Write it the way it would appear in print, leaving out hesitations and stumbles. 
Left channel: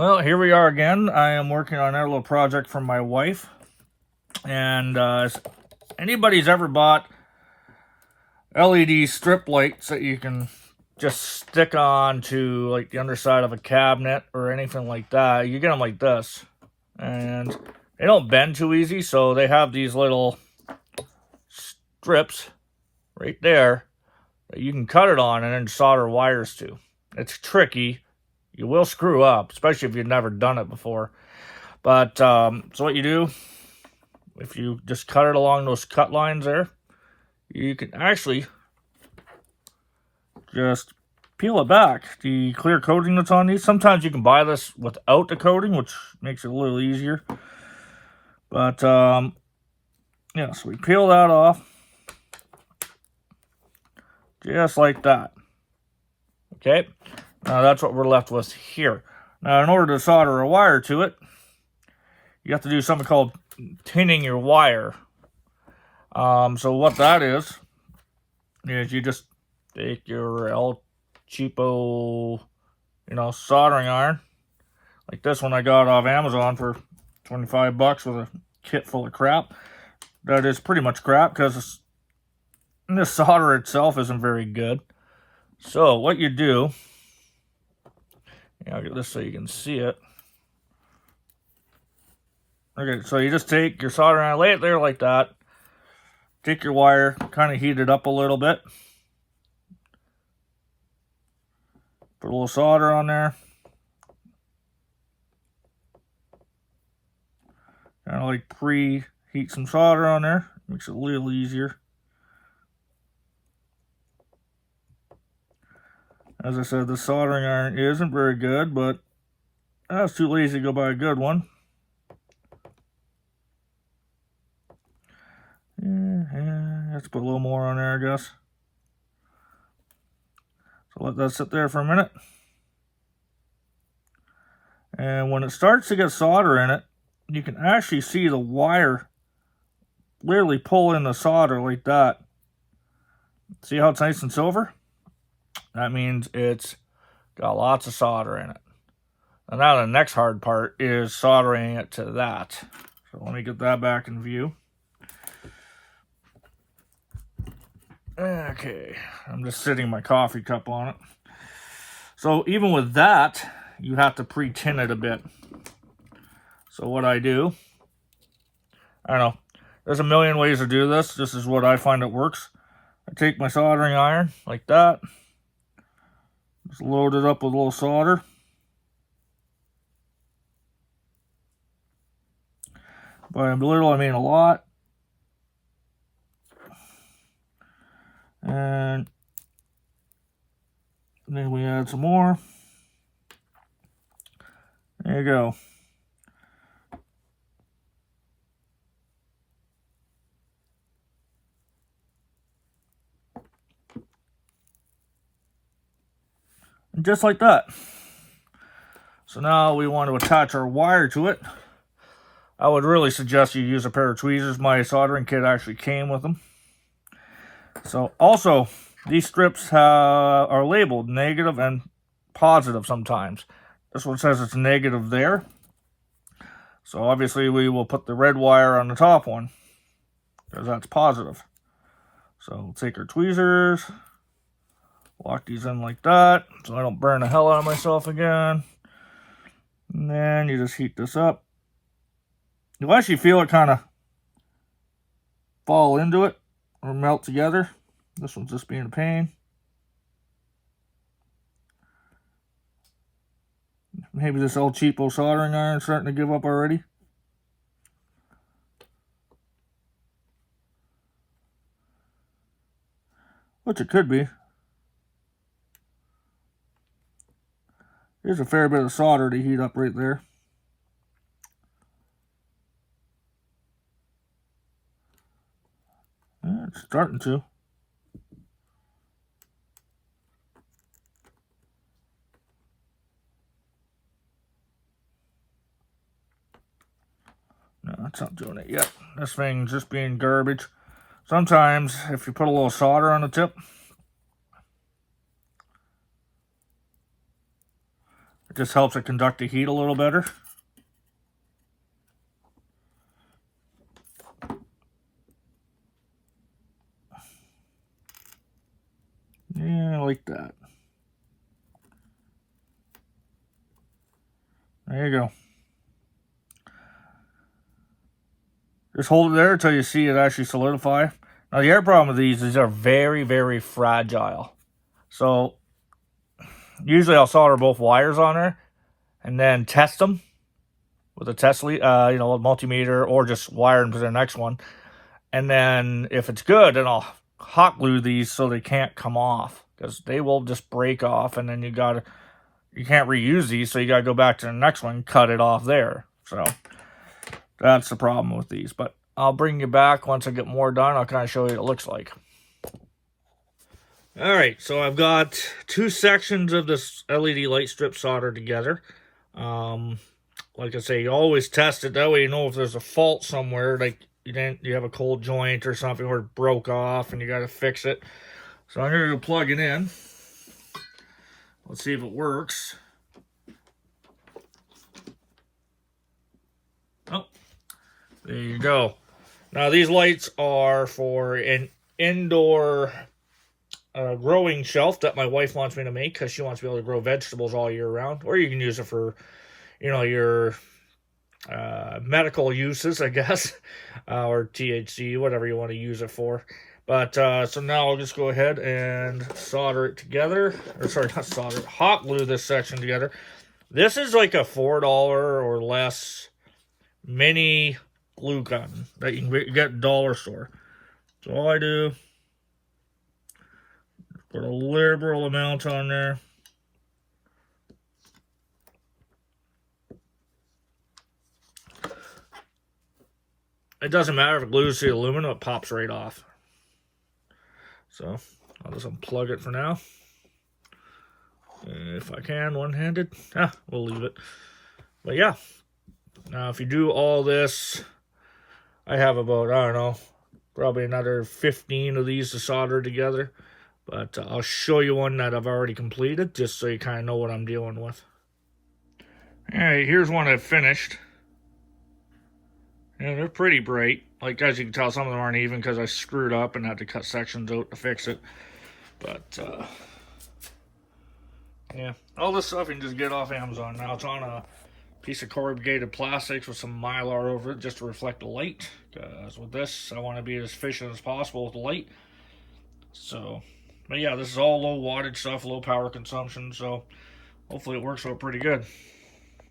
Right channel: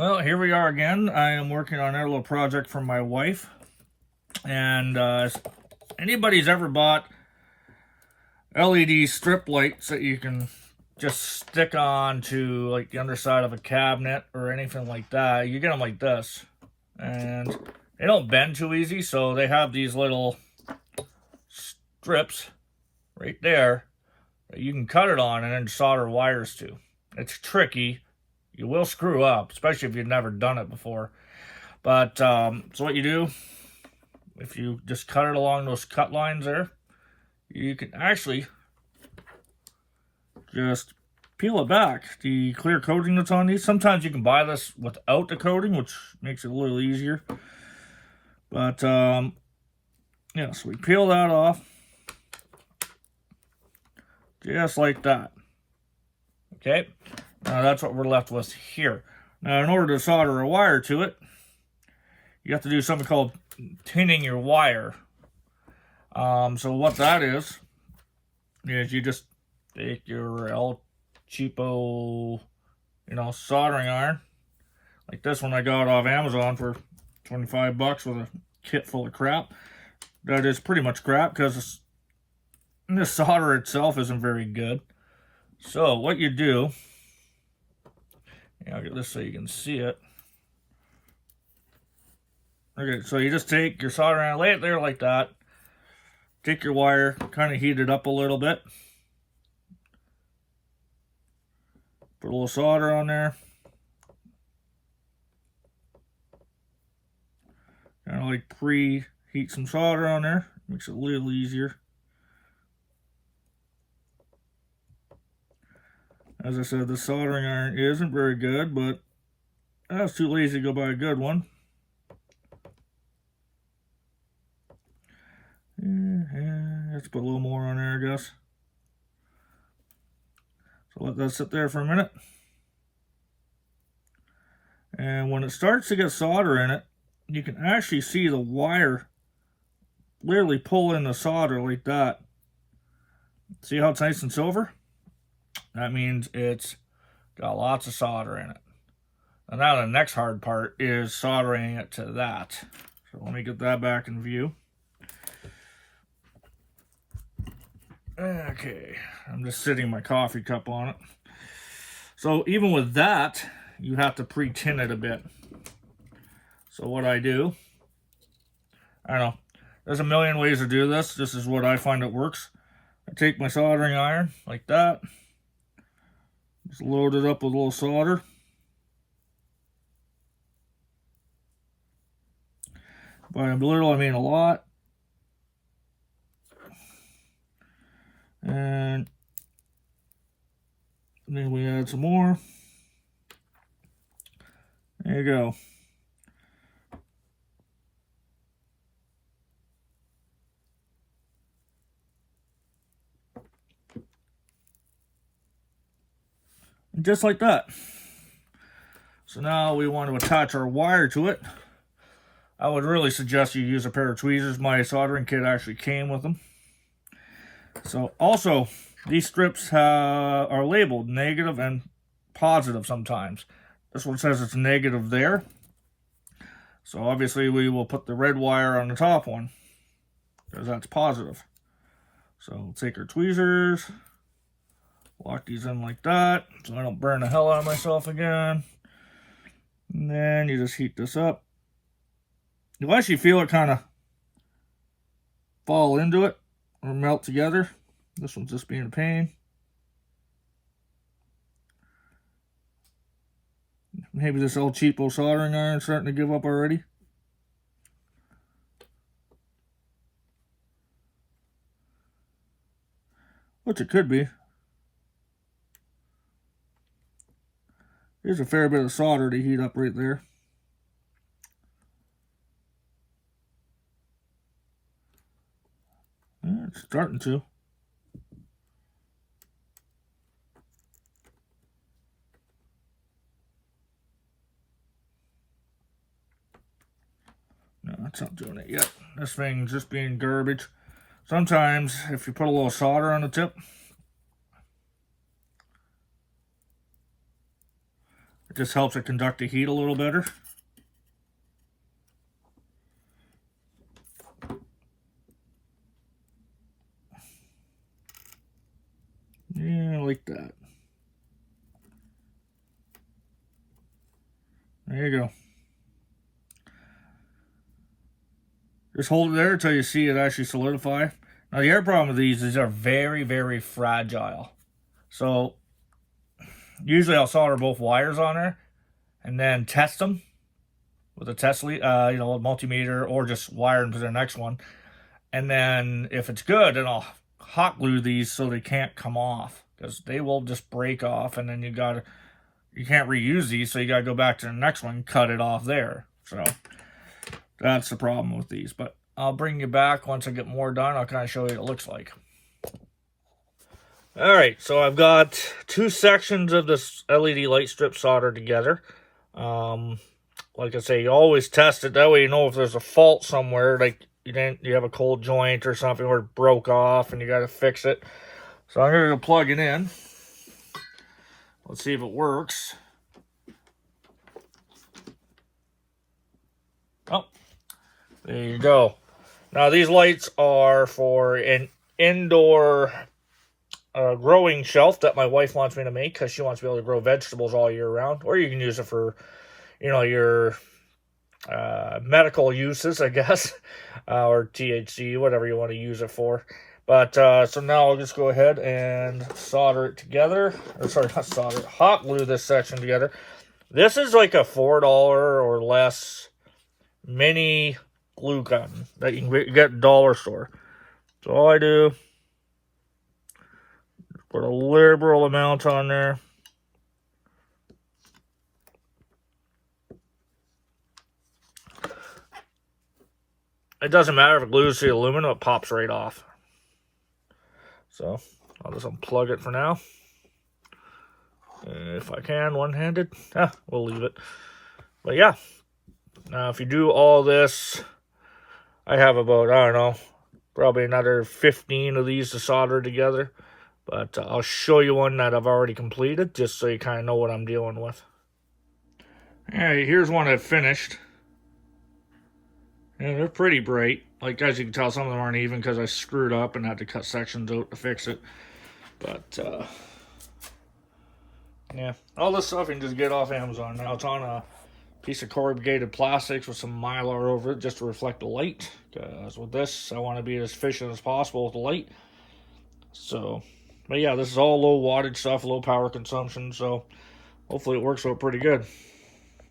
Well, here we are again. I am working on our little project for my wife. And if anybody's ever bought LED strip lights that you can just stick on to like the underside of a cabinet or anything like that, you get them like this. And they don't bend too easy, so they have these little strips right there that you can cut it on and then solder wires to. It's tricky. You will screw up, especially if you've never done it before. But, so what you do, if you just cut it along those cut lines there, you can actually just peel it back. The clear coating that's on these, sometimes you can buy this without the coating, which makes it a little easier. But, yeah, so we peel that off. Just like that. Okay? Now that's what we're left with here. Now, in order to solder a wire to it, you have to do something called tinning your wire. So what that is you just take your El Cheapo, soldering iron. Like this one I got off Amazon for 25 bucks with a kit full of crap. That is pretty much crap because the solder itself isn't very good. So what you do, I'll get this so you can see it. Okay, so you just take your soldering iron, lay it there like that. Take your wire, kind of heat it up a little bit. Put a little solder on there. Kind of like preheat some solder on there. Makes it a little easier. As I said, the soldering iron isn't very good, but I was too lazy to go buy a good one. Let's put a little more on there, I guess. So let that sit there for a minute. And when it starts to get solder in it, you can actually see the wire literally pull in the solder like that. See how it's nice and silver? That means it's got lots of solder in it. And now the next hard part is soldering it to that. So let me get that back in view. Okay, I'm just sitting my coffee cup on it. So even with that, you have to pre-tin it a bit. So what I do, I don't know, there's a million ways to do this. This is what I find that works. I take my soldering iron like that. Just load it up with a little solder. By a little, I mean a lot. And then we add some more. There you go. And just like that. So now we want to attach our wire to it. I would really suggest you use a pair of tweezers. My soldering kit actually came with them. So also, these strips are labeled negative and positive sometimes. This one says it's negative there. So obviously we will put the red wire on the top one, because that's positive. So we'll take our tweezers, lock these in like that, so I don't burn the hell out of myself again. And then you just heat this up. You'll actually feel it kind of fall into it or melt together. This one's just being a pain. Maybe this old cheapo soldering iron is starting to give up already. Which it could be. There's a fair bit of solder to heat up right there. Yeah, it's starting to. No, that's not doing it yet. This thing's just being garbage. Sometimes, if you put a little solder on the tip, It just helps it conduct the heat a little better. Yeah, like that. There you go. Just hold it there until you see it actually solidify. Now, the other problem with these are very, very fragile. So, usually I'll solder both wires on there and then test them with a test lead, a multimeter, or just wire them to the next one. And then if it's good, then I'll hot glue these so they can't come off, because they will just break off, and then you can't reuse these, so you gotta go back to the next one and cut it off there. So that's the problem with these. But I'll bring you back once I get more done. I'll kind of show you what it looks like. All right, so I've got two sections of this LED light strip soldered together. Like I say, you always test it. That way you know if there's a fault somewhere, like you have a cold joint or something where it broke off and you got to fix it. So I'm going to plug it in. Let's see if it works. Oh, there you go. Now these lights are for an indoor growing shelf that my wife wants me to make, because she wants to be able to grow vegetables all year round. Or you can use it for, your medical uses, I guess, or THC, whatever you want to use it for. But so now I'll just go ahead and solder it together. Or sorry, not solder, hot glue this section together. This is like a $4 or less mini glue gun that you can get at the dollar store. So all I do, put a liberal amount on there. It doesn't matter if it glues to the aluminum, it pops right off. So I'll just unplug it for now. If I can, one-handed. We'll leave it. But yeah, now if you do all this, I have about, I don't know, probably another 15 of these to solder together. But I'll show you one that I've already completed, just so you kind of know what I'm dealing with. Alright, here's one I've finished. And they're pretty bright. Like, as you can tell, some of them aren't even because I screwed up and had to cut sections out to fix it. But, yeah. All this stuff you can just get off Amazon. Now, it's on a piece of corrugated plastics with some Mylar over it just to reflect the light. Because with this, I want to be as efficient as possible with the light. So, but yeah, this is all low wattage stuff, low power consumption. So, hopefully it works out pretty good.